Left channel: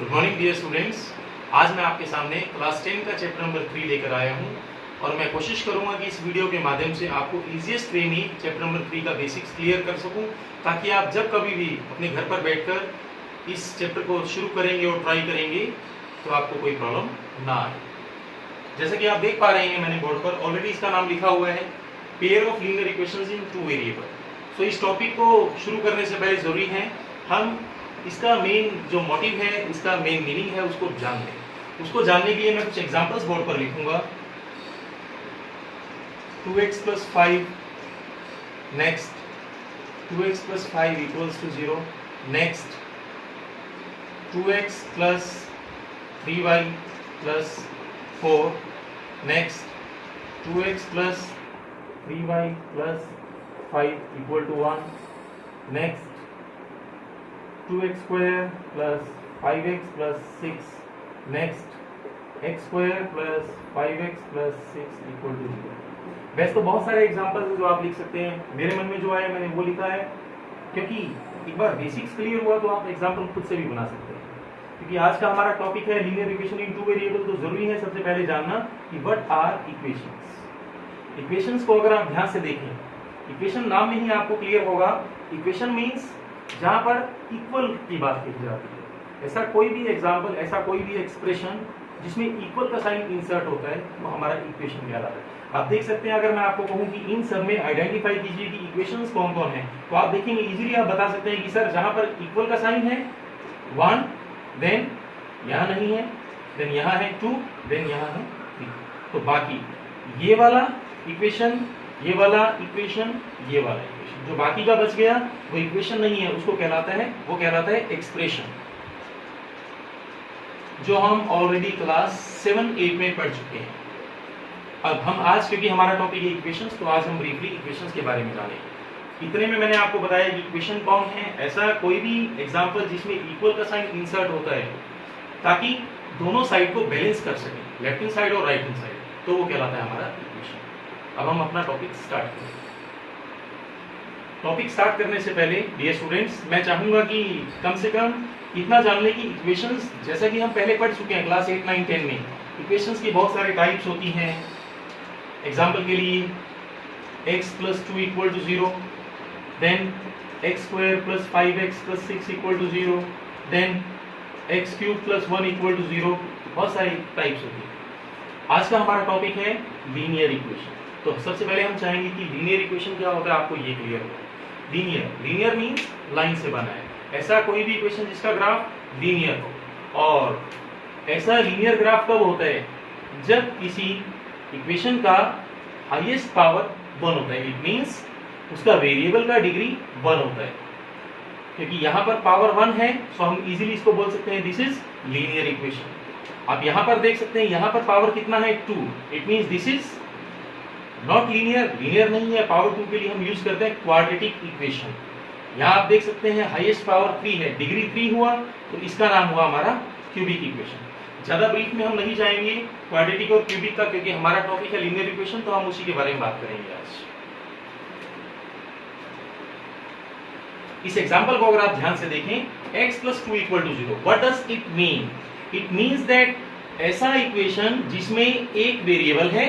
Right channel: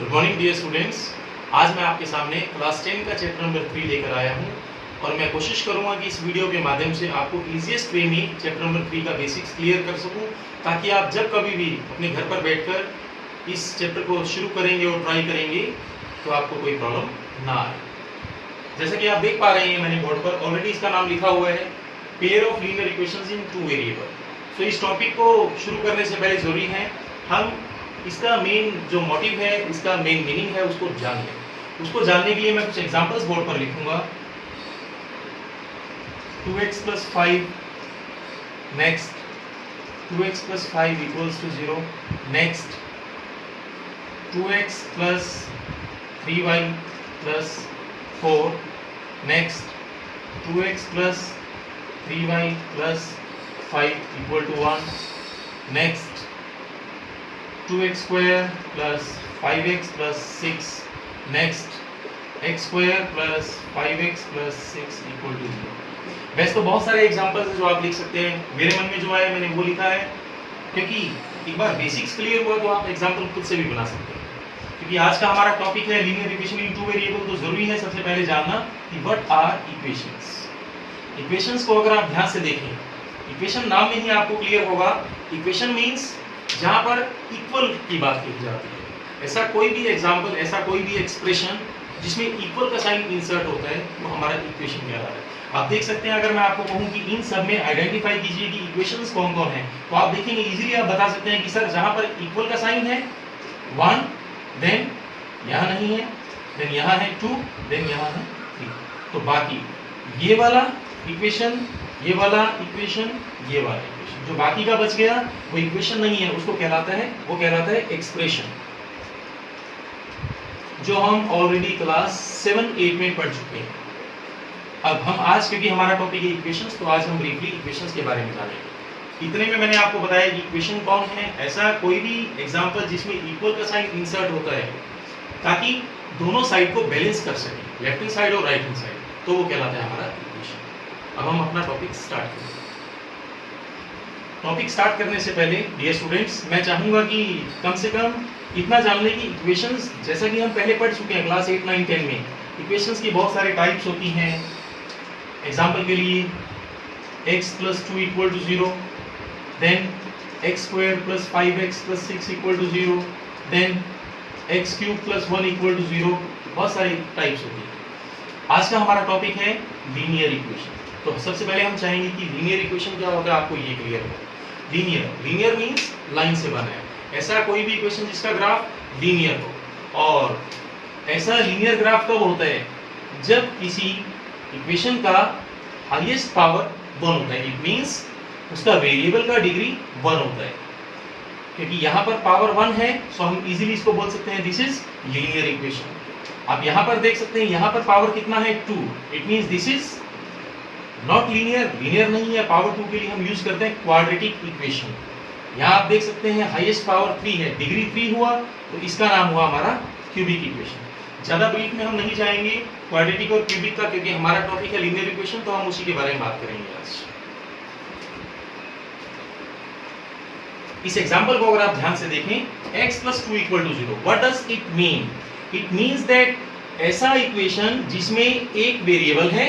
Good morning dear students. आज मैं आपके सामने क्लास 10 का चैप्टर नंबर 3 लेकर आया हूं और मैं कोशिश करूंगा कि इस वीडियो के माध्यम से आपको ईजीएस्ट वे में चैप्टर नंबर 3 का बेसिक्स क्लियर कर सकूं, ताकि आप जब कभी भी अपने घर पर बैठकर इस चैप्टर को शुरू करेंगे और ट्राई करेंगे तो आपको कोई प्रॉब्लम ना आए। जैसा कि आप देख पा रहे हैं, मैंने बोर्ड पर ऑलरेडी इसका नाम लिखा हुआ है, pair of linear equations in two variable. तो इस टॉपिक को शुरू करने से पहले जरूरी है हम इसका मेन जो मोटिव है, इसका मेन मीनिंग है, उसको जानिए। उसको जानने के लिए मैं कुछ एग्जांपल्स बोर्ड पर लिखूंगा। 2x + 5 next, 2x + 5 = 0 next, 2x + 3y + 4 next, 2x + 3y + 5 = 1 next, 2x² + 5x + 6 next, x² + 5x + 6 = 0। वैसे तो बहुत सारे एग्जांपल्स हैं जो आप लिख सकते हैं, मेरे मन में जो आया मैंने वो लिखा है, क्योंकि एक बार बेसिक्स क्लियर हुआ तो आप एग्जांपल खुद से भी बना सकते हैं। क्योंकि आज का हमारा टॉपिक है linear equation in two variable, तो जरूरी है सबसे पहले जानना कि व्हाट आर इक्वेशंस। इक्वेशंस को अगर आप ध्यान से देखें, इक्वेशन नाम में ही आपको क्लियर होगा। इक्वेशन मीन्स जहां पर इक्वल की बात की जाती है। ऐसा कोई भी एग्जाम्पल, ऐसा कोई भी एक्सप्रेशन जिसमें इक्वल का साइन इंसर्ट होता है, वो हमारा इक्वेशन कहलाता है। आप देख सकते हैं, अगर मैं आपको कहूं कि इन सब में आइडेंटिफाई कीजिए कि इक्वेशंस कौन कौन है, तो आप देखेंगे इजीली आप बता सकते हैं कि सर जहां पर इक्वल का साइन है 1, देन यहां नहीं है, देन यहां है 2, देन यहां है 3। तो बाकी ये वाला इक्वेशन, ये वाला इक्वेशन, ये वाला इक्वेशन, जो बाकी का बच गया वो इक्वेशन नहीं है, उसको कहलाता है, वो कहलाता है एक्सप्रेशन, जो हम ऑलरेडी क्लास 7-8 में पढ़ चुके हैं। अब हम आज, क्योंकि हमारा टॉपिक है इक्वेशंस, तो आज हम ब्रीफली इक्वेशंस के बारे में जानेंगे। इतने में मैंने आपको बताया कि इक्वेशन कौन है, ऐसा कोई भी एग्जांपल जिसमें इक्वल का साइन इंसर्ट होता है, ताकि दोनों साइड को बैलेंस कर सकें, लेफ्ट हैंड साइड और राइट हैंड साइड, तो वो कहलाता है हमारा इक्वेशन। अब हम अपना टॉपिक स्टार्ट करें। टॉपिक स्टार्ट करने से पहले डियर स्टूडेंट्स, मैं चाहूंगा कि कम से कम इतना जान लें कि इक्वेशंस, जैसा कि हम पहले पढ़ चुके हैं क्लास 8, 9, 10 में, इक्वेशंस की बहुत सारे टाइप्स होती हैं। एग्जांपल के लिए x + 2 = 0, then x² + 5x + 6 = 0, then x³ + 1 = 0। बहुत सारी टाइप्स होती है। आज का हमारा टॉपिक है लीनियर इक्वेशन। तो सबसे पहले हम चाहेंगे कि लीनियर इक्वेशन क्या होता है, आपको ये क्लियर हो। लीनियर मींस लाइन से बना है, ऐसा कोई भी इक्वेशन जिसका ग्राफ लीनियर हो। और ऐसा लीनियर ग्राफ कब होता है, जब किसी इक्वेशन का हाईएस्ट पावर 1 होता है। इट मींस उसका वेरिएबल का डिग्री 1 होता है। क्योंकि यहाँ पर पावर 1 है, सो हम इजीली इसको बोल सकते हैं दिस इज लीनियर इक्वेशन। आप यहाँ पर देख सकते हैं, यहाँ पर पावर कितना है 2, it means this is not linear नहीं है। पावर 2 के लिए हम यूज करते हैं क्वाड्रेटिक इक्वेशन। यहाँ आप देख सकते हैं हाईएस्ट पावर 3 है, डिग्री 3 हुआ, तो इसका नाम हुआ हमारा क्यूबिक इक्वेशन। ज्यादा ब्रीफ में हम नहीं जाएंगे क्वाड्रेटिक और क्यूबिक का, क्योंकि हमारा टॉपिक है लीनियर इक्वेशन, तो हम उसी के बारे में बात करेंगे आज। इस एग्जांपल को अगर आप ध्यान से देखें, x + 2 = 0, what does it mean? It means that ऐसा इक्वेशन जिसमें एक वेरिएबल है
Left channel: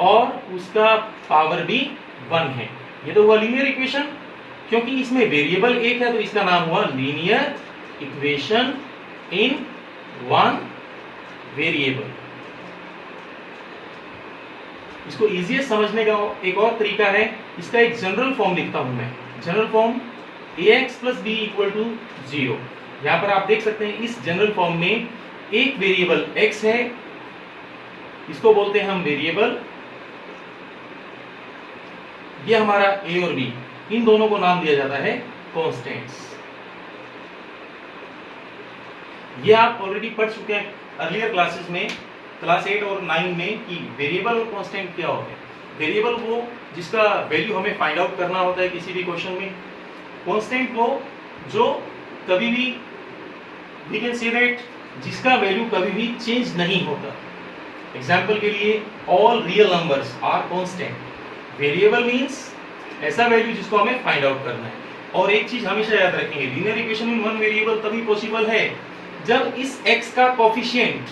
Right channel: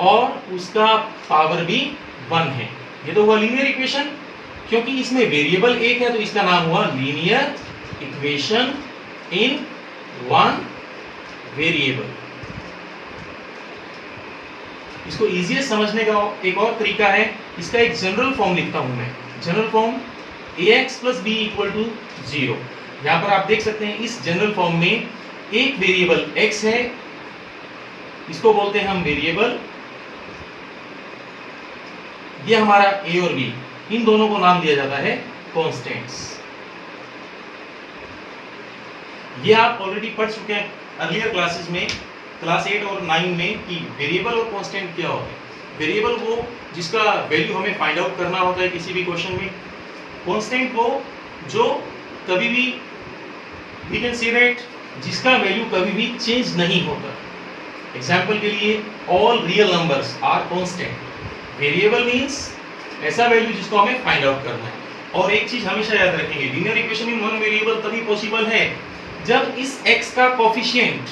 और उसका पावर भी 1 है, ये तो हुआ लीनियर इक्वेशन। क्योंकि इसमें वेरिएबल एक है, तो इसका नाम हुआ linear equation in one variable. इसको इजीएस्ट समझने का एक और तरीका है, इसका एक जनरल फॉर्म लिखता हूं मैं। General form ax + b = 0। यहां पर आप देख सकते हैं, इस जनरल फॉर्म में एक वेरिएबल x है, इसको बोलते हैं हम वेरिएबल। ये हमारा a और b, इन दोनों को नाम दिया जाता है कांस्टेंट्स। ये आप ऑलरेडी पढ़ चुके हैं अर्लियर क्लासेस में, क्लास 8 और 9 में, कि वेरिएबल और कांस्टेंट क्या होता है। वेरिएबल वो जिसका वैल्यू हमें फाइंड आउट करना होता है किसी भी क्वेश्चन में। कांस्टेंट वो जो कभी भी, वी कैन से दैट, जिसका वैल्यू कभी भी चेंज नहीं होता। एग्जाम्पल के लिए, all real numbers are constant. Variable means ऐसा वैल्यू जिसको हमें फाइंड आउट करना है। और एक चीज हमेशा याद रखेंगे, linear equation in one variable तभी पॉसिबल है जब इस x का coefficient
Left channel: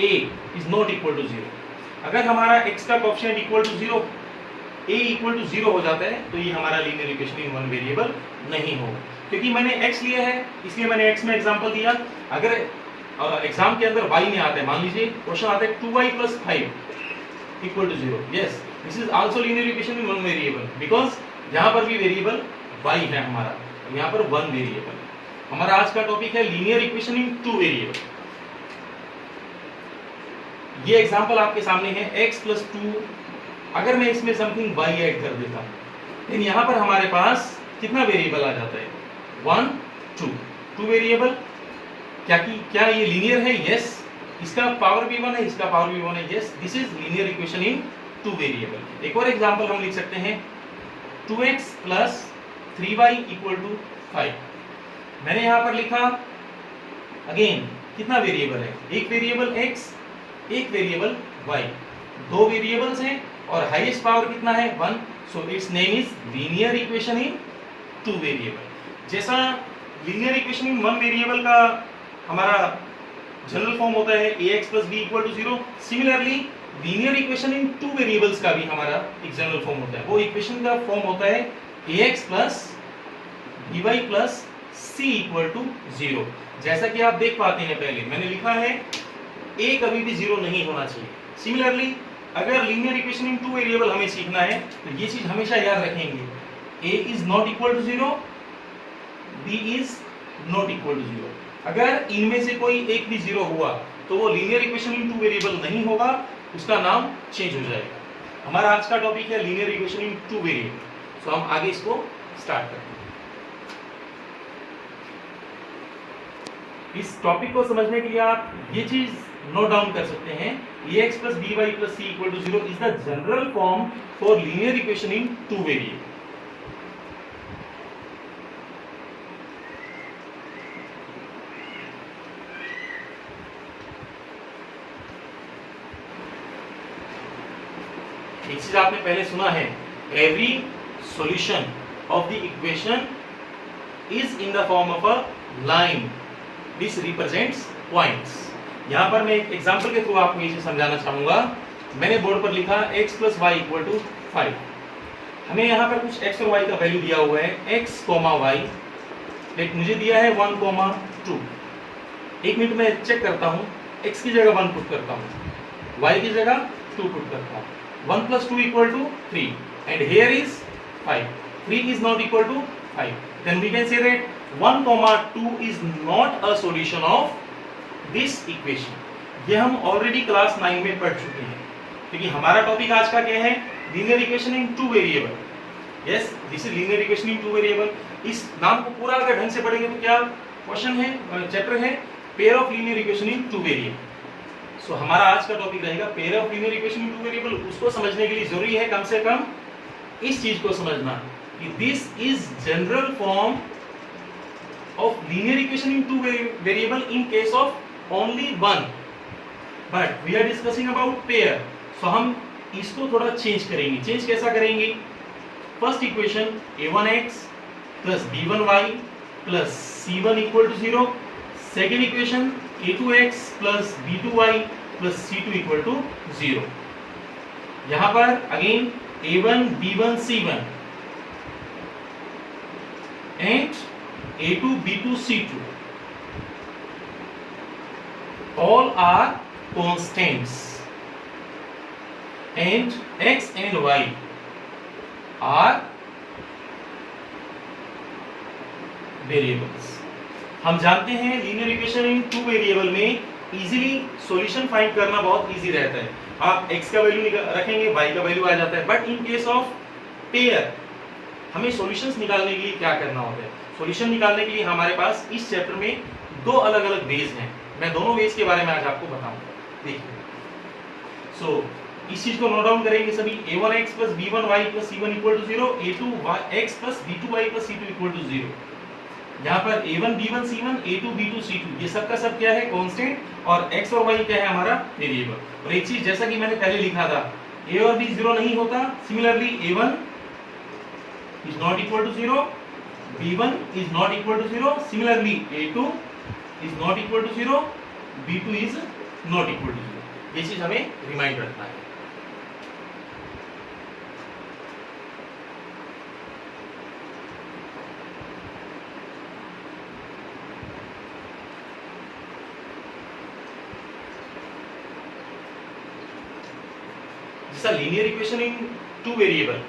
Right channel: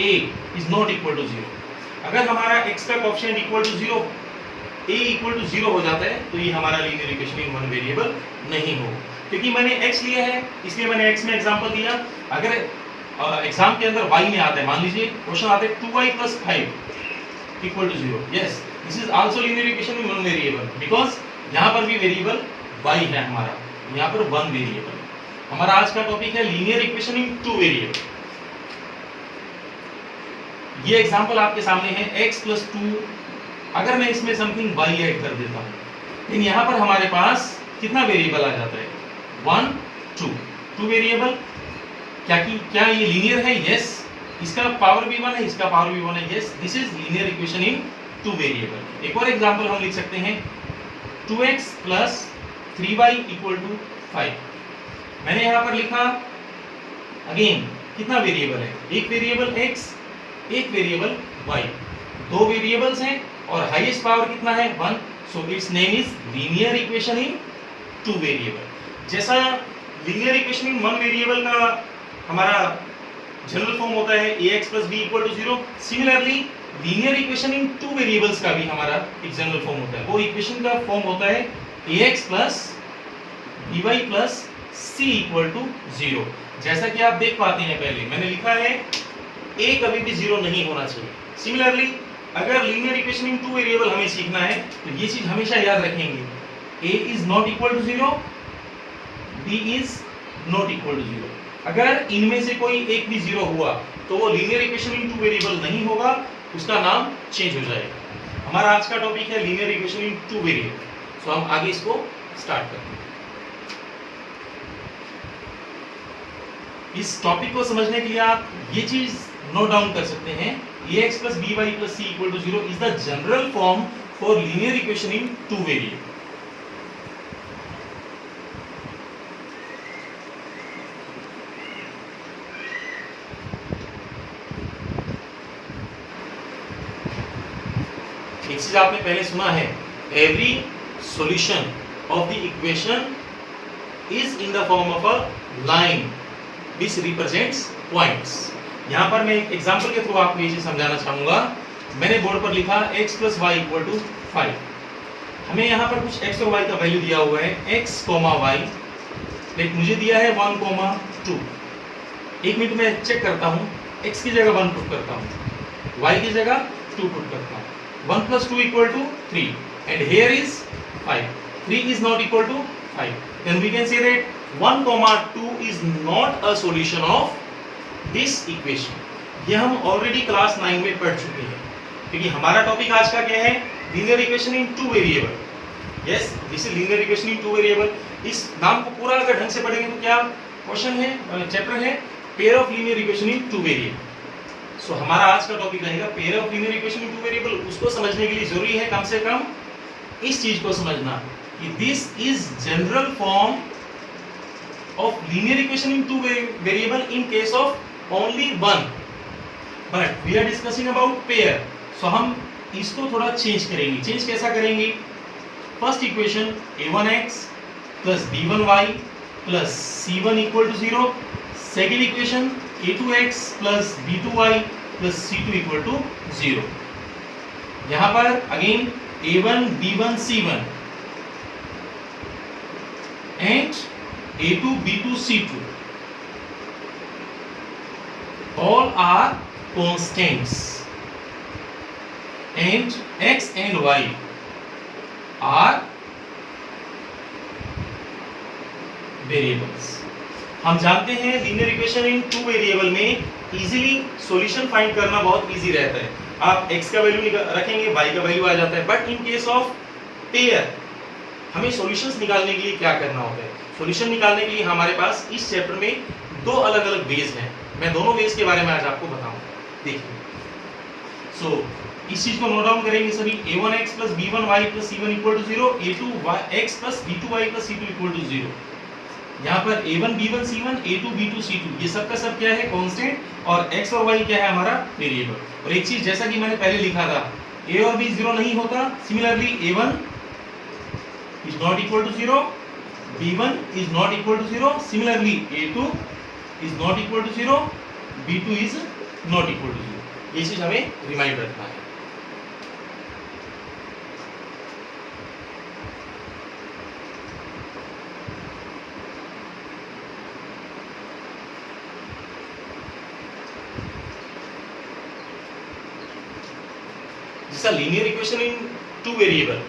a is not equal to 0। अगर हमारा x का coefficient equal to 0, a equal to 0 हो जाता है तो ये हमारा linear equation in one variable नहीं होगा। क्योंकि मैंने x लिया है इसलिए मैंने x में एग्जांपल दिया। अगर एग्जाम के अंदर y में आता है, मान लीजिए क्वेश्चन आता है 2y + 5 equal to 0, yes this is also linear equation in one variable, because यहाँ पर भी वेरिएबल y है हमारा, यहाँ पर वन वेरिएबल। हमारा आज का टॉपिक है linear equation in two variable. ये एग्जांपल आपके सामने है x + 2। अगर मैं इसमें समथिंग y ऐड कर देता हूँ, लेकिन यहाँ पर हमारे पास कितना वेरिएबल आ जाता है, 1 2 वेरिएबल। क्या ये लीनियर है? यस। इसका पावर भी 1 है, इसका पावर भी 1 है, yes this is linear equation in two variable. एक और एग्जांपल हम लिख सकते हैं 2x + 3y = 5। मैंने यहाँ पर लिखा अगेन कितना वेरिएबल है, एक वेरिएबल x, एक वेरिएबल y, दो वेरिएबल्स हैं और हाईएस्ट पावर कितना है, 1। So its name is linear equation in two variable. जैसा linear equation in one variable का हमारा जनरल फॉर्म होता है ax + b = 0, similarly linear equation in two variables का भी हमारा एक जनरल फॉर्म होता है। वो इक्वेशन का फॉर्म होता है ax + by + c = 0। जैसा कि आप देख पाते हैं, पहले मैंने लिखा है a कभी भी 0 नहीं होना चाहिए। सिमिलरली अगर linear equation in two variable हमें सीखना है तो ये चीज हमेशा याद रखेंगे, a is not equal to 0, b is not equal to 0। अगर इनमें से कोई एक भी 0 हुआ तो वो linear equation in two variable नहीं होगा, उसका नाम चेंज हो जाएगा। हमारा आज का टॉपिक है linear equation in two variable. So हम आगे इसको स्टार्ट करते हैं। इस टॉपिक को समझने के लिए आप ये चीज नोट डाउन कर सकते हैं, ax + by + c = 0 is the general form for linear equation in two variable। एक चीज आपने पहले सुना है, every solution of the equation is in the form of a line which represents points। यहाँ पर मैं एक एग्जांपल के थ्रू आपको ये चीज समझाना चाहूंगा। मैंने बोर्ड पर लिखा x + y = 5। हमें यहाँ पर कुछ x और y का वैल्यू दिया हुआ है, x, y, लेकिन मुझे दिया है 1, 2। एक मिनट में चेक करता हूँ, x की जगह 1 पुट करता हूँ, y की जगह 2 पुट करता हूँ। 1 + 2 = 3 and here is 5. 3 is not equal to 5. Then we can say that 1, 2 is not a solution of this equation। ये हम ऑलरेडी क्लास 9 में पढ़ चुके हैं, क्योंकि हमारा टॉपिक आज का क्या है, linear equation in two variable. Yes this is linear equation in two variable. इस नाम को पूरा अगर ढंग से पढ़ेंगे तो क्या क्वेश्चन है, चैप्टर है pair of linear equation in two variable. So हमारा आज का टॉपिक रहेगा pair of linear equation in two variable. उसको समझने के लिए जरूरी है कम से कम इस चीज को समझना कि this is general form of linear equation in two variable in case of only one, but we are discussing about pair। so हम इसको थोड़ा चेंज करेंगे। चेंज कैसा करेंगे, first equation a1x + b1y + c1 = 0। Second equation a2x + b2y + c2 = 0। यहाँ पर again a1 b1 c1 and a2 b2 c2 all are constants and x and y are variables। हम जानते हैं linear equation in two variable में easily solution find करना बहुत easy रहता है। आप x का वैल्यू रखेंगे, y का वैल्यू आ जाता है। But in case of pair हमें सॉल्यूशंस निकालने के लिए क्या करना होता है, सॉल्यूशन निकालने के लिए हमारे पास इस चैप्टर में दो अलग अलग वेज हैं। मैं दोनों वेज के बारे में आज आपको बताऊंगा। देखिए सो इस चीज को नोट डाउन करेंगे सभी। a1x + b1y + c1 = 0, a2x + b2y + c2 = 0। यहाँ पर a1 b1 c1, a2 b2 c2 ये सब का सब क्या है, कांस्टेंट, और x और y क्या है, हमारा वेरिएबल। और एक चीज जैसा कि मैंने पहले लिखा था, a और b 0 नहीं होता। Similarly a1 is not equal to 0, b1 is not equal to 0, similarly a2 is not equal to 0, b2 is not equal to 0। ये चीज हमें रिमाइंड रखना है। जैसा linear equation in two variable,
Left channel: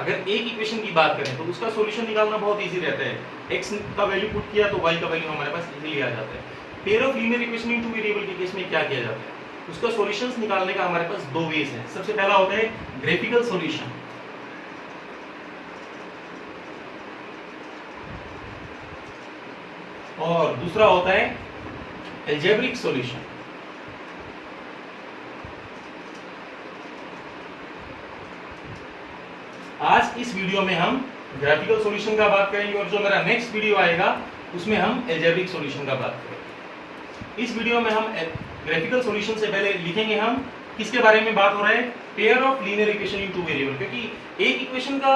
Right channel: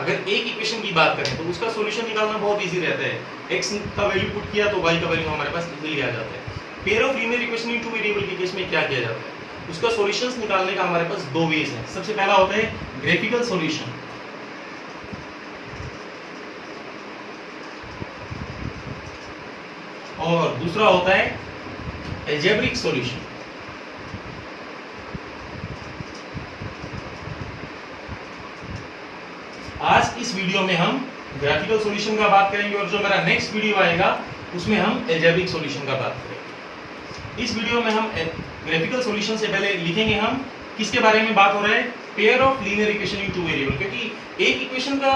अगर एक इक्वेशन की बात करें तो उसका सॉल्यूशन निकालना बहुत इजी रहता है। x का वैल्यू पुट किया तो y का वैल्यू हमारे पास इजीली आ जाता है। Pair of linear equation in two variable के केस में क्या किया जाता है, उसका सॉल्यूशंस निकालने का हमारे पास दो वेज है। सबसे पहला होता है ग्राफिकल सॉल्यूशन, और दूसरा होता है अलजेब्रिक सॉल्यूशन। आज इस वीडियो में हम ग्राफिकल सॉल्यूशन का बात करेंगे और जो मेरा नेक्स्ट वीडियो आएगा उसमें हम अलजेब्रिक सॉल्यूशन का बात करेंगे। इस वीडियो में हम ग्राफिकल सॉल्यूशन से पहले लिखेंगे हम किसके बारे में बात हो रहा है, pair of linear equation in two variable. क्योंकि एक इक्वेशन का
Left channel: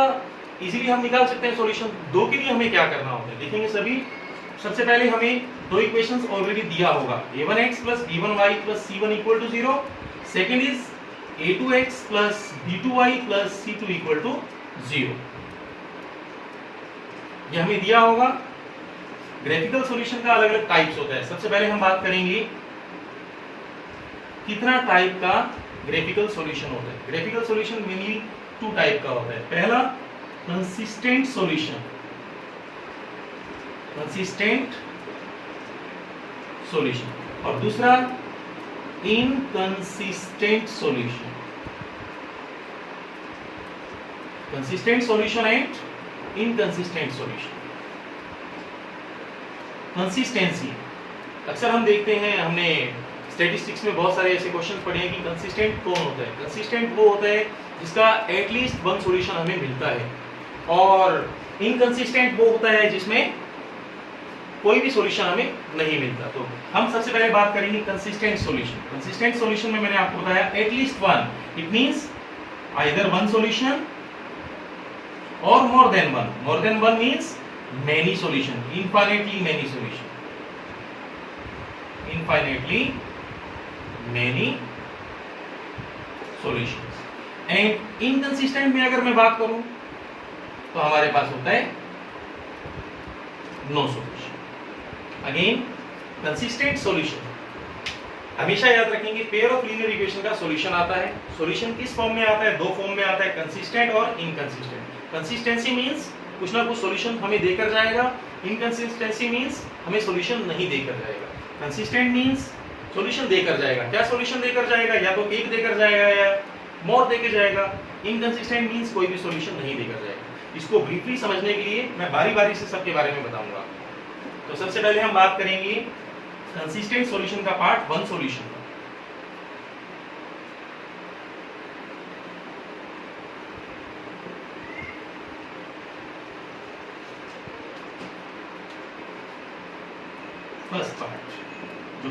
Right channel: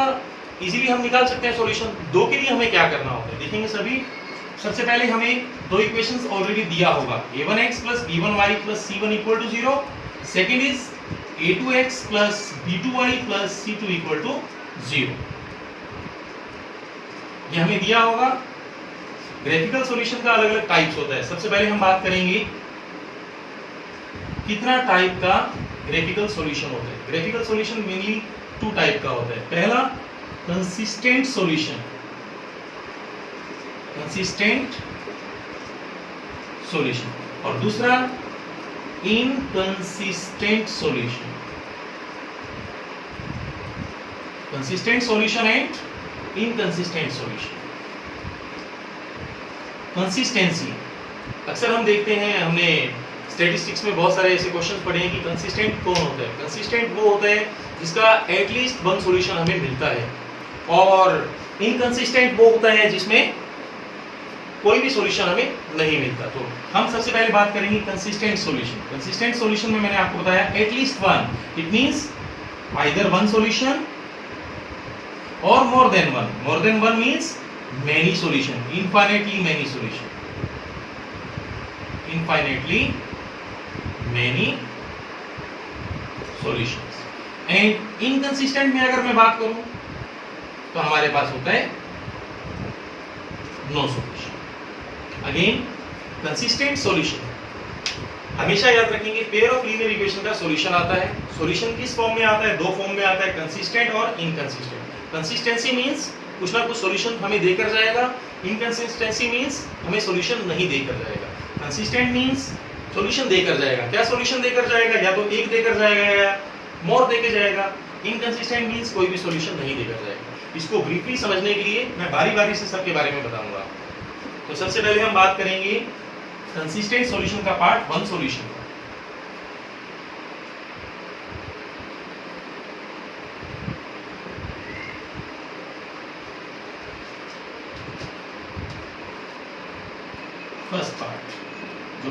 इजीली हम निकाल सकते हैं सॉल्यूशन, दो के लिए हमें क्या करना होता है देखेंगे सभी। सबसे पहले हमें दो इक्वेशंस ऑलरेडी दिया होगा, a1x plus b1y plus c1 equal to 0। Second is a2x plus b2y plus c2 equal to 0। ये हमें दिया होगा। ग्राफिकल सॉल्यूशन का अलग अलग टाइप्स होता है। सबसे पहले हम बात करेंगे कितना टाइप का ग्राफिकल सॉल्यूशन होता है। Graphical solution mainly two type का होता है। पहला कंसिस्टेंट सॉल्यूशन, कंसिस्टेंट सॉल्यूशन, और दूसरा inconsistent solution. Consistent solution and inconsistent solution. Consistency अक्सर हम देखते हैं, हमने स्टैटिस्टिक्स में बहुत सारे ऐसे क्वेश्चन पढ़े हैं कि कंसिस्टेंट कौन होता है। कंसिस्टेंट वो होता है जिसका एटलीस्ट वन सॉल्यूशन हमें मिलता है, और इनकंसिस्टेंट वो होता है जिसमें कोई भी सॉल्यूशन हमें नहीं मिलता। तो हम सबसे पहले बात करेंगे कंसिस्टेंट सॉल्यूशन। कंसिस्टेंट सॉल्यूशन में मैंने आपको बताया at least one, it means either one solution और more than one. More than one means many solution, infinitely many solution, infinitely many solutions। and inconsistent में अगर मैं बात करूं तो हमारे पास होता है no solution। Again consistent solution हमेशा याद रखेंगे, पेयर ऑफ लीनियर इक्वेशन का सॉल्यूशन आता है। सॉल्यूशन किस फॉर्म में आता है, दो फॉर्म में आता है, कंसिस्टेंट और इनकंसिस्टेंट। कंसिस्टेंसी मींस कुछ ना कुछ सॉल्यूशन हमें देकर जाएगा, इनकंसिस्टेंसी मींस हमें सॉल्यूशन नहीं देकर जाएगा। कंसिस्टेंट मींस सॉल्यूशन देकर जाएगा। क्या सॉल्यूशन देकर जाएगा, या तो एक देकर जाएगा या मोर देकर जाएगा। इनकंसिस्टेंट मींस कोई भी सॉल्यूशन नहीं देकर जाएगा। इसको ब्रीफली समझने के लिए मैं बारी बारी से सबके बारे में बताऊंगा। तो सबसे पहले हम बात करेंगे कंसिस्टेंट सॉल्यूशन का पार्ट, वन सॉल्यूशन का। फर्स्ट पार्ट जो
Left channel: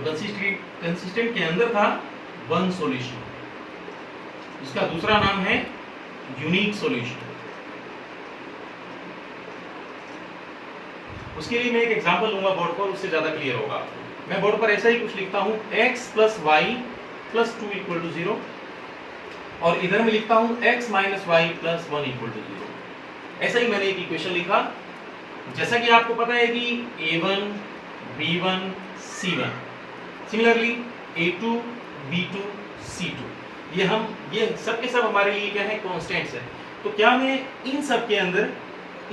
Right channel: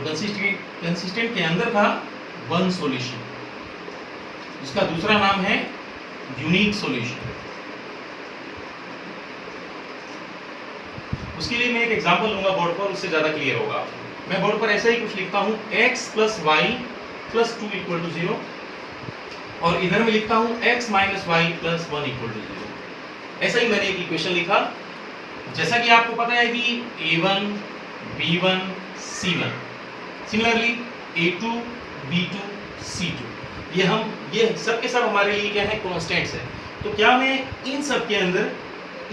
कंसिस्टेंट के अंदर था, वन सॉल्यूशन, इसका दूसरा नाम है यूनिक सॉल्यूशन। उसके लिए मैं एक एग्जांपल लूंगा बोर्ड पर, उससे ज्यादा क्लियर होगा। मैं बोर्ड पर ऐसा ही कुछ लिखता हूं, x plus y plus 2 equal to 0, और इधर में लिखता हूं x minus y plus 1 equal to 0। ऐसा ही मैंने एक इक्वेशन लिखा। जैसा कि आपको पता है कि a1 b1 c1, similarly a2 b2 c2, ये सब के सब हमारे लिए क्या है, कांस्टेंट्स है। तो क्या मैं इन सब के अंदर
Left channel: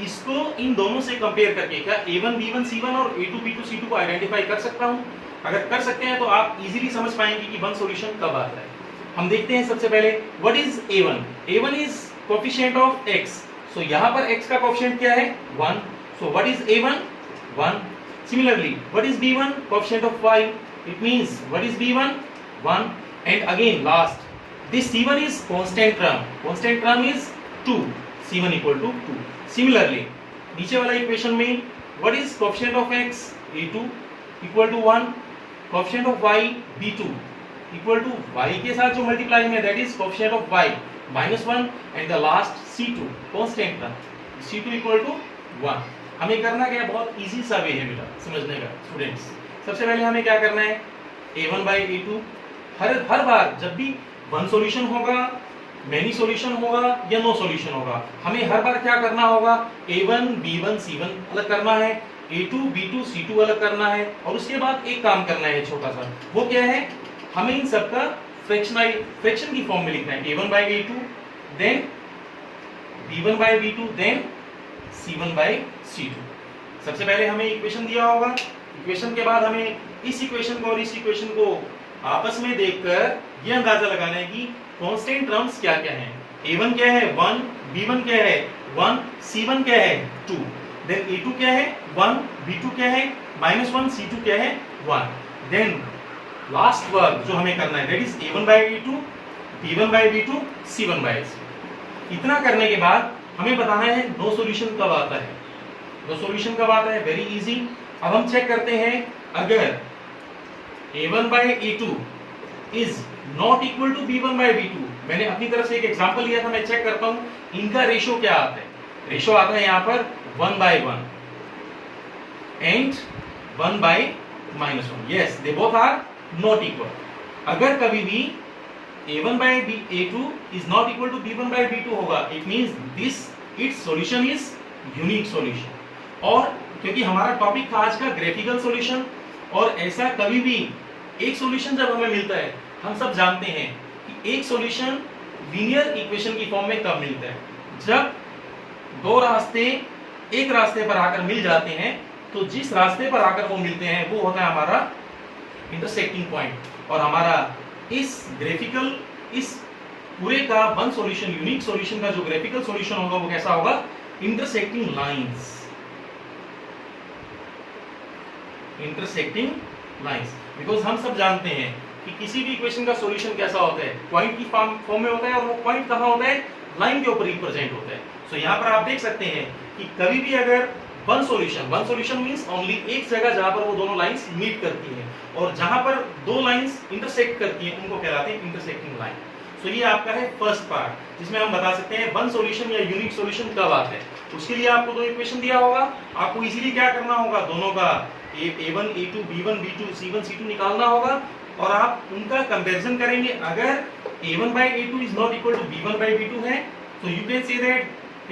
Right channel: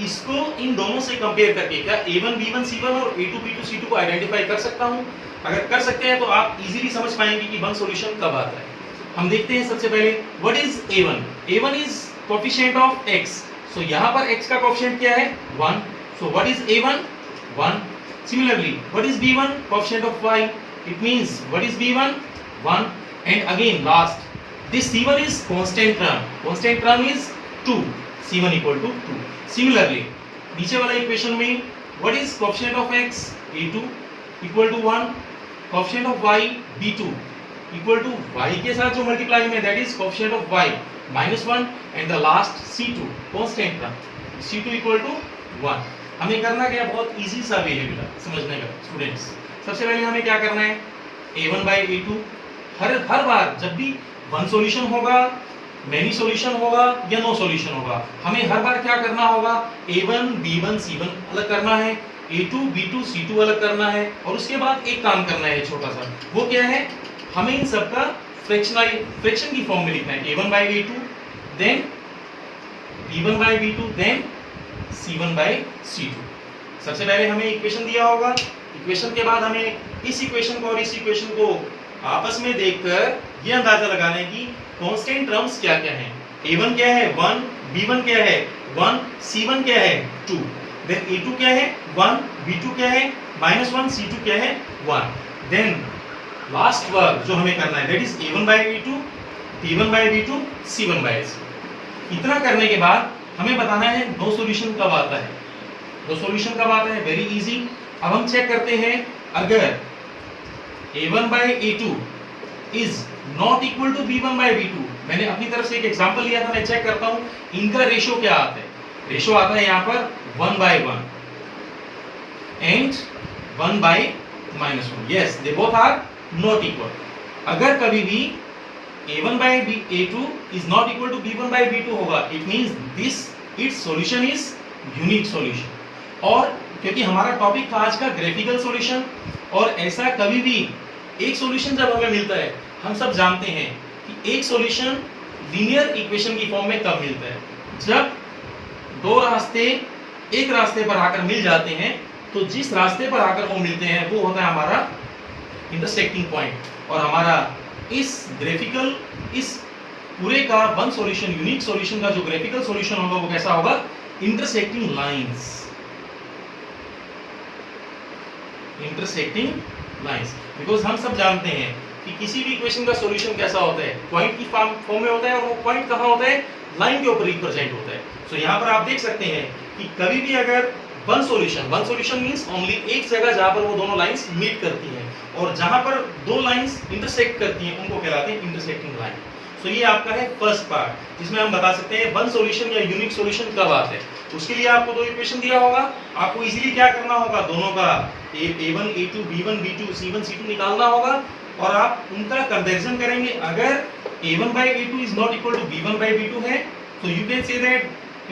इसको इन दोनों से कंपेयर करके क्या a1 b1 c1 और a2 b2 c2 को आइडेंटिफाई कर सकता हूं? अगर कर सकते हैं तो आप इजीली समझ पाएंगे कि वन सॉल्यूशन कब आता है। हम देखते हैं सबसे पहले what is a1। a1 is coefficient of x, सो यहां पर x का कोएफिशिएंट क्या है, 1, so what is a1, 1। Similarly what is b1, coefficient of y, it means what is b1, 1। And again last this c1 is constant term is 2, c1 equal to 2। Similarly, नीचे वाला equation में what is coefficient of x, a2 equal to 1, coefficient of y, b2 equal to y के साथ जो multiply में, that is coefficient of y -1, and the last c2 constant term, c2 equal to 1। हमें करना क्या, बहुत easy सा वे है बेटा समझने का स्टूडेंट्स। सबसे पहले हमें क्या करना है, a1 by a2। हर बार जब भी वन सॉल्यूशन होगा, मेनी सॉल्यूशन होगा या नो सॉल्यूशन होगा, हमें हर बार क्या करना होगा, a1 b1 c1 अलग करना है, a2 b2 c2 अलग करना है, और उसके बाद एक काम करना है छोटा सा, वो क्या है, हमें इन सबका फ्रैक्शन की फॉर्म में लिखना है, a1 by a2 then b1 by b2 then c1 by c2। सबसे पहले हमें इक्वेशन दिया होगा, इक्वेशन के बाद हमें इस इक्वेशन को और इस इक्वेशन को आपस में देखकर ये अंदाजा लगाना है कि कांस्टेंट टर्म्स क्या क्या हैं। a1 क्या है 1, b1 क्या है 1, c1 क्या है 2, देन a2 क्या है 1, b2 क्या है -1, c2 क्या है 1। देन लास्ट वर्क जो हमें करना है that is a1 by a2, b1 by b2, c1 by c। इतना करने के बाद हमें बताना है नो सॉल्यूशन कब आता है। नो सॉल्यूशन कब आता है, वेरी इजी। अब हम चेक करते हैं, अगर a1 by a2 is not equal to b1 by b2, मैंने अपनी तरफ से एक एग्जांपल लिया था, मैं चेक करता हूं इनका रेशो क्या आता है। रेशो आता है यहां पर 1 by 1 and 1 by -1। Yes, they both are not equal. अगर कभी भी a1 by a2 is not equal to b1 by b2 होगा, it means this it's solution is unique solution. और क्योंकि हमारा टॉपिक था आज का ग्राफिकल सॉल्यूशन, और ऐसा कभी भी एक सॉल्यूशन जब हमें मिलता है, हम सब जानते हैं कि एक सॉल्यूशन लीनियर इक्वेशन की फॉर्म में कब मिलता है, जब दो रास्ते एक रास्ते पर आकर मिल जाते हैं, तो जिस रास्ते पर आकर वो मिलते हैं वो होता है हमारा इंटरसेक्टिंग पॉइंट। और हमारा इस ग्राफिकल, इस पूरे का वन सॉल्यूशन, यूनिक सॉल्यूशन का जो ग्राफिकल सॉल्यूशन होगा वो कैसा होगा, intersecting lines. Intersecting lines, because हम सब जानते हैं कि किसी भी इक्वेशन का सॉल्यूशन कैसा होता है, पॉइंट की फॉर्म में होता है, और वो पॉइंट कहां होता है, लाइन के ऊपर रिप्रेजेंट होता है। सो यहाँ पर आप देख सकते हैं कि कभी भी अगर वन सॉल्यूशन मींस ओनली एक जगह जहां पर वो दोनों लाइंस मीट करती हैं, और जहां पर दो लाइंस इंटरसेक्ट करती हैं उनको कहलाते हैं इंटरसेक्टिंग लाइन। सो ये आपका है फर्स्ट पार्ट, जिसमें हम बता सकते हैं वन सॉल्यूशन या यूनिक सॉल्यूशन कब आता है। उसके लिए आपको दो इक्वेशन दिया होगा, आपको इजीली क्या करना होगा, दोनों का a1 a2 b1 b2 c1 c2 निकालना होगा, और आप उनका कंपैरिजन करेंगे। अगर a1 by a2 is not equal to b1 by b2 है, so you can say that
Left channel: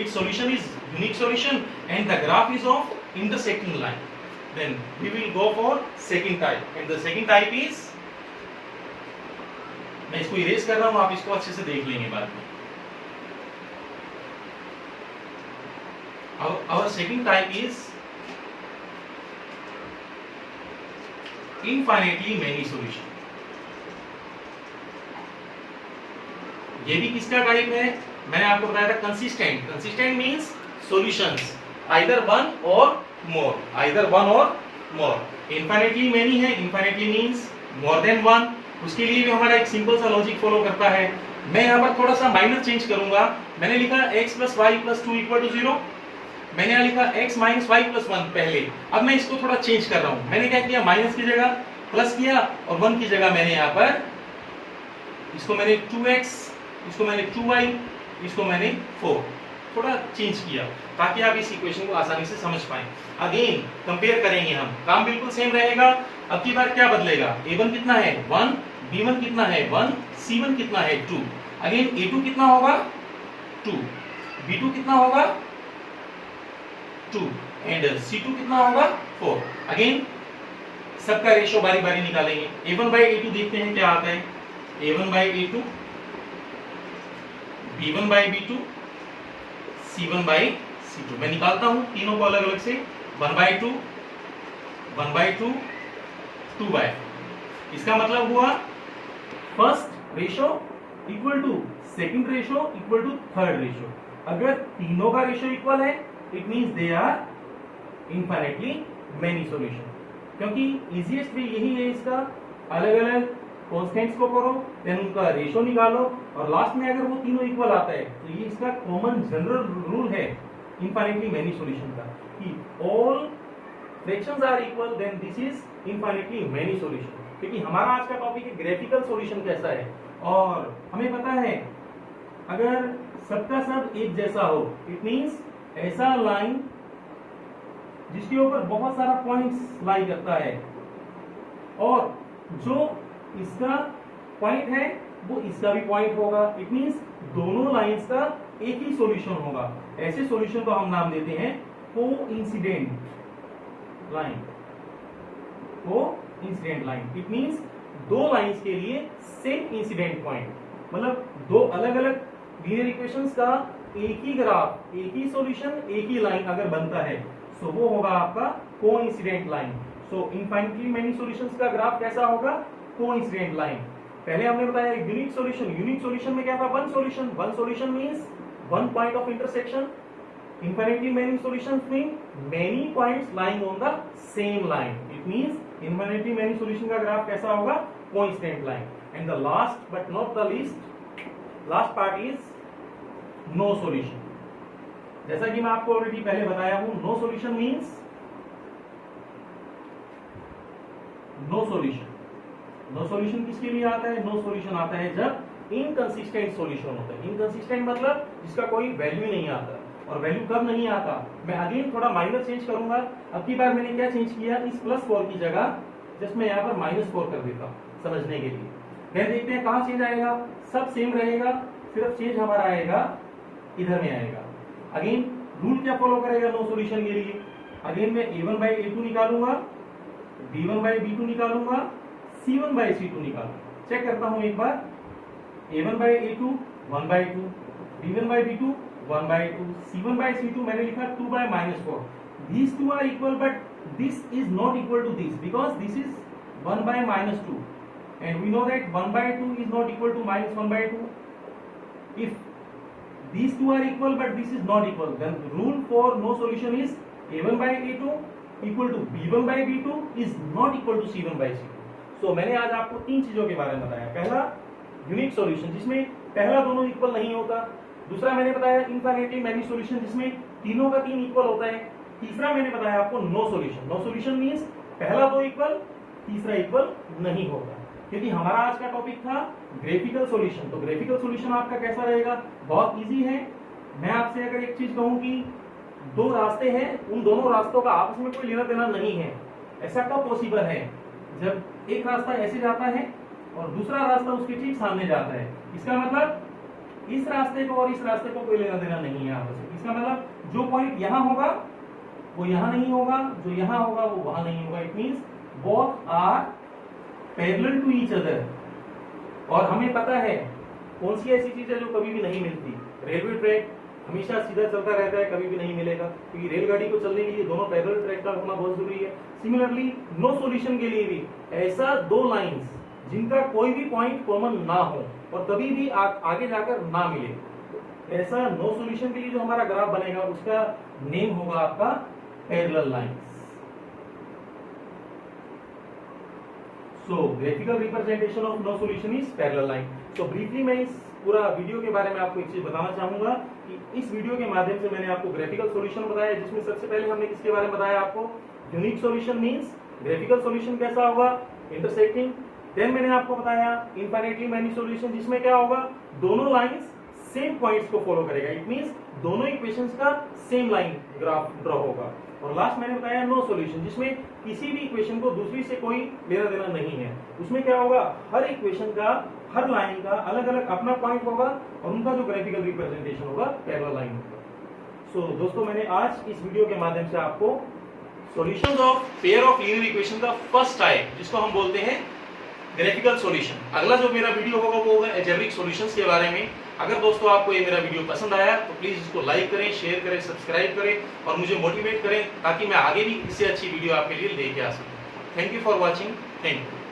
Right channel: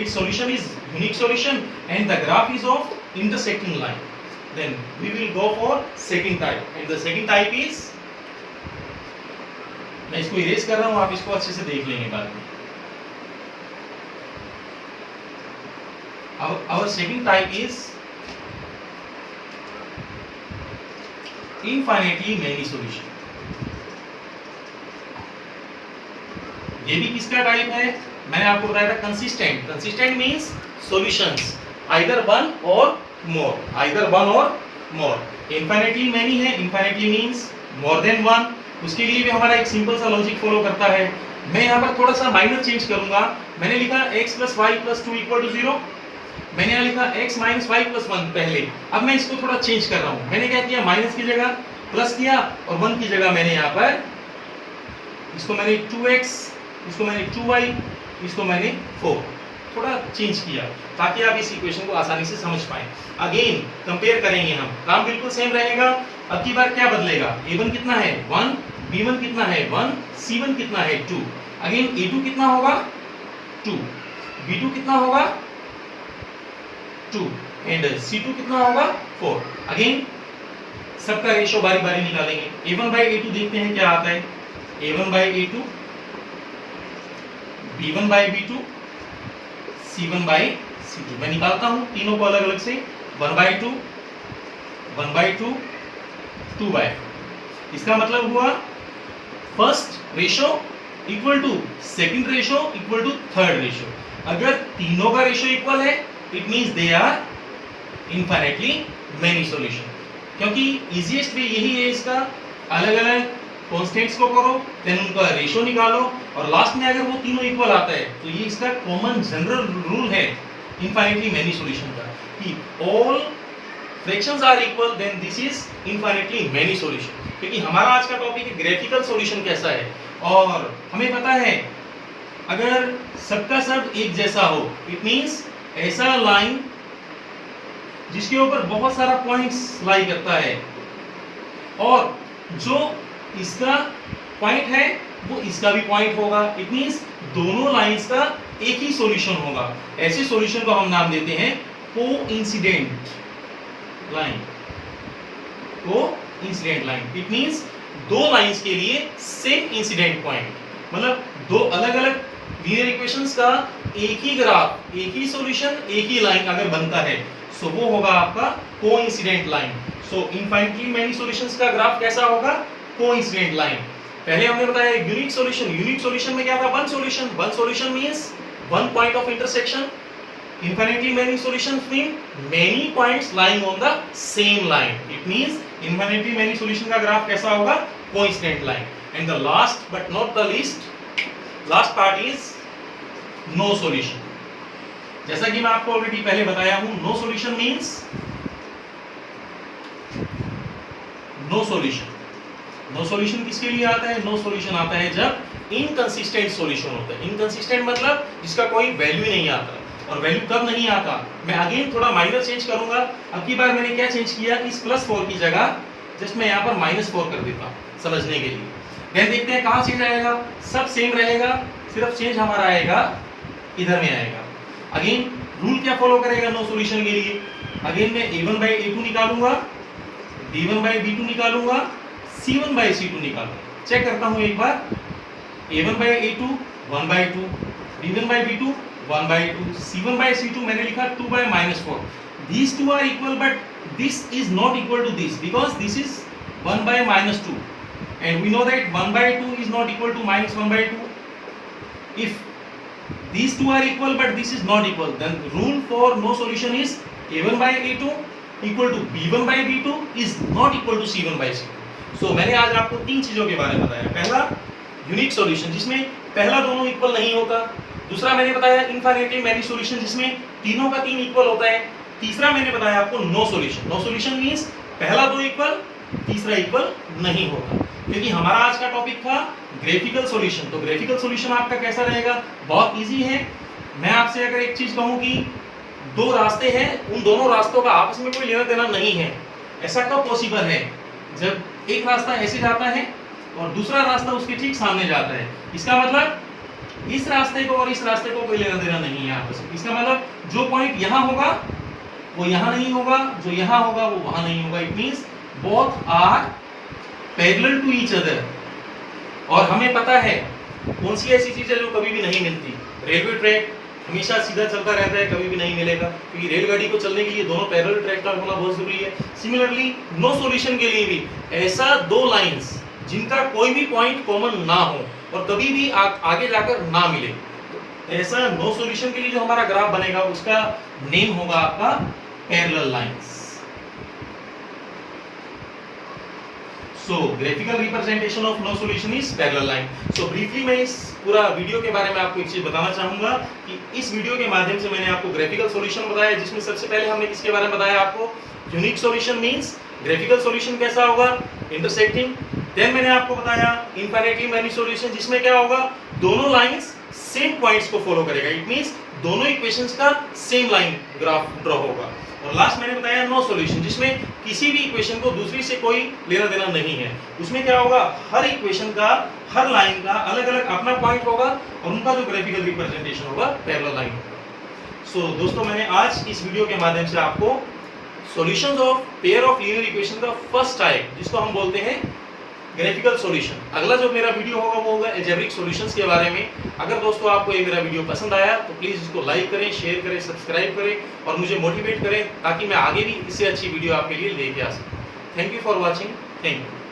its solution is unique solution and the graph is of intersecting line. Then we will go for second type, and the second type is, मैं इसको erase कर रहा हूं, आप इसको अच्छे से देख लेंगे बाद में। Our second type is infinitely many solution। ये भी किसका टाइप है, मैंने आपको बताया था consistent. Consistent means solutions either one और मोर, आइदर वन और मोर। इनफाइनाइटली मेनी है, infinitely means more than one. उसके लिए भी हमारा एक सिंपल सा लॉजिक फॉलो करता है। मैं यहाँ पर थोड़ा सा माइनर चेंज करूंगा, मैंने लिखा x + y + 2 = 0, मैंने यहाँ लिखा x - y + 1 पहले। अब मैं इसको थोड़ा चेंज कर रहा हूँ, मैंने क्या किया, माइनस की जगह प्लस किया, और 1 की जगह मैंने यहाँ पर इसको मैंने 2x, इसको मैंने 2y, इसको मैंने 4, थोड़ा चेंज किया ताकि आप इस इक्वेशन को आसानी से समझ पाएं। अगेन कंपेयर करेंगे हम, काम बिल्कुल सेम रहेगा। अब की बार क्या बदलेगा, a1 कितना है 1, b1 कितना है 1, c1 कितना है 2। अगेन a2 कितना होगा 2, b2 कितना होगा 2, एंड c2 कितना होगा 4। अगेन सबका रेशो बारी बारी निकालेंगे। a1 by a2 देखते हैं क्या आता है, a1 by a2, b1 by b2, c1 by c2। मैं निकालता हूं तीनों को अलग अलग से, 1/2, 1/2, 2/4। इसका मतलब हुआ first ratio equal to second ratio equal to third ratio. अगर तीनों का रेशो इक्वल है, it means they are infinitely many solution. क्योंकि इजीएस्ट वे यही है इसका, अलग अलग कांस्टेंट्स को करो, देन उनका रेशो निकालो, और लास्ट में अगर वो तीनों इक्वल आता है तो ये इसका कॉमन जनरल रूल है इनफाइनाइटली मेनी सॉल्यूशन का, कि all fractions are equal then this is infinitely many solution. क्योंकि हमारा आज का टॉपिक है ग्राफिकल सॉल्यूशन कैसा है, और हमें पता है अगर सबका सब एक जैसा हो, इट मींस ऐसा लाइन जिसके ऊपर बहुत सारा पॉइंट्स लाई करता है, और जो इसका पॉइंट है वो इसका भी पॉइंट होगा। इट मींस दोनों लाइंस का एक ही सॉल्यूशन होगा। ऐसे सॉल्यूशन को हम नाम देते हैं coincident line. Coincident line it means दो लाइंस के लिए सेम इंसिडेंट पॉइंट, मतलब दो अलग अलग लीनियर इक्वेशंस का एक ही ग्राफ, एक ही सॉल्यूशन, एक ही लाइन अगर बनता है सो वो होगा आपका कोइंसिडेंट लाइन। सो इनफाइनाइटली मेनी सॉल्यूशंस का ग्राफ कैसा होगा? Coincident line. पहले हमने बताया यूनिक सॉल्यूशन। यूनिक सॉल्यूशन में क्या था? One solution. One solution means one point of intersection. Infinitely many solutions mean many points lying on the same line. It means infinitely many solution का graph कैसा होगा? Coincident line. And the last but not the least, last part is no solution. जैसा कि मैं आपको already पहले बताया हूं, no solution means no solution. No solution किसके लिए आता है? No solution आता है जब inconsistent solution होता है। Inconsistent मतलब जिसका कोई वैल्यू नहीं आता। और वैल्यू कब नहीं आता? मैं अगेन थोड़ा माइनर चेंज करूंगा। अब की बार मैंने क्या चेंज किया? इस +4 की जगह जस्ट मैं यहाँ पर -4 कर देता हूँ समझने के लिए। देन देखते हैं कहाँ चेंज आएगा। सब सेम रहेगा, सिर्फ चेंज हमारा आएगा इधर में आएगा। अगेन रूल क्या फॉलो करेगा नो सॉल्यूशन के लिए? अगेन मैं a1/a2 निकालूंगा, b1/b2 निकालूंगा, c1/c2 निकालूंगा। चेक करता हूँ एक बार। a1/a2 1/2, b1/b2 1/2, c1/c2 मैंने लिखा 2/-4। These two are equal but this is not equal to this because this is 1/-2 and we know that 1/2 is not equal to -1/2. If these two are equal but this is not equal, then the rule for no solution is a1/a2 equal to b1/b2 is not equal to c1/c2. So मैंने आज आपको तीन चीजों के बारे में बताया। पहला यूनिक सॉल्यूशन जिसमें पहला दोनों इक्वल नहीं होता। दूसरा मैंने बताया इनफाइनाइटली मेनी सॉल्यूशन जिसमें तीनों का तीन इक्वल होता है। तीसरा मैंने बताया आपको no solution. No solution means पहला दो इक्वल, तीसरा इक्वल नहीं होगा। क्योंकि हमारा आज का टॉपिक था ग्राफिकल सॉल्यूशन। तो ग्राफिकल सॉल्यूशन आपका कैसा रहेगा? बहुत इजी है। मैं आपसे अगर एक चीज कहूं कि दो रास्ते हैं, उन दोनों रास्तों का आपस में कोई लेना देना नहीं है, ऐसा कब पॉसिबल है? जब एक रास्ता ऐसे जाता है और दूसरा रास्ता उसके ठीक सामने जाता है। इसका मतलब इस रास्ते को और इस रास्ते को कोई लेना देना नहीं है आपस में। इसका मतलब जो पॉइंट यहाँ होगा वो यहाँ नहीं होगा, जो यहाँ होगा वो वहां नहीं होगा। It means both are parallel to each other. और हमें पता है कौन सी ऐसी चीज है जो कभी भी नहीं मिलती? रेलवे ट्रैक हमेशा सीधा चलता रहता है, कभी भी नहीं मिलेगा, क्योंकि रेलगाड़ी को चलने के लिए दोनों पैरेलल ट्रैक का होना बहुत जरूरी है। सिमिलरली नो सॉल्यूशन के लिए भी ऐसा दो लाइंस जिनका कोई भी पॉइंट कॉमन ना हो और कभी भी आगे जाकर ना मिले, ऐसा नो सॉल्यूशन के लिए जो हमारा ग्राफ बनेगा उसका नेम होगा आपका parallel lines. So graphical representation of no solution is parallel line. So briefly मैं इस पूरा वीडियो के बारे में आपको एक चीज बताना चाहूंगा कि इस वीडियो के माध्यम से मैंने आपको ग्राफिकल सॉल्यूशन बताया, जिसमें सबसे पहले हमने किसके बारे में बताया आपको? Unique solution means graphical solution कैसा होगा? इंटरसेक्टिंग। देन मैंने आपको बताया इनफाइनाइटली मेनी सॉल्यूशन जिसमें क्या होगा? दोनों लाइंस सेम पॉइंट्स को फॉलो करेगा। इट मींस दोनों इक्वेशंस का सेम लाइन ग्राफ ड्रॉ होगा। और लास्ट मैंने बताया नो सॉल्यूशन जिसमें किसी भी इक्वेशन को दूसरी से कोई लेना देना नहीं है। उसमें क्या होगा? हर इक्वेशन का, हर लाइन का अलग अलग अपना पॉइंट होगा और उनका जो ग्राफिकल रिप्रेजेंटेशन होगा पैरेलल लाइन होगा। सो दोस्तों मैंने आज इस वीडियो के माध्यम से आपको solutions of pair of linear equation का फर्स्ट टाइप जिसको हम बोलते हैं ग्राफिकल सॉल्यूशन। अगला जो मेरा वीडियो होगा वो होगा अलजेब्रिक सॉल्यूशंस के बारे में। अगर दोस्तों आपको ये मेरा वीडियो पसंद आया तो प्लीज इसको लाइक करें, शेयर करें, सब्सक्राइब करें और मुझे मोटिवेट करें ताकि मैं आगे भी इससे अच्छी वीडियो आपके लिए लेके आ सकूं। Thank you for watching. Thank you.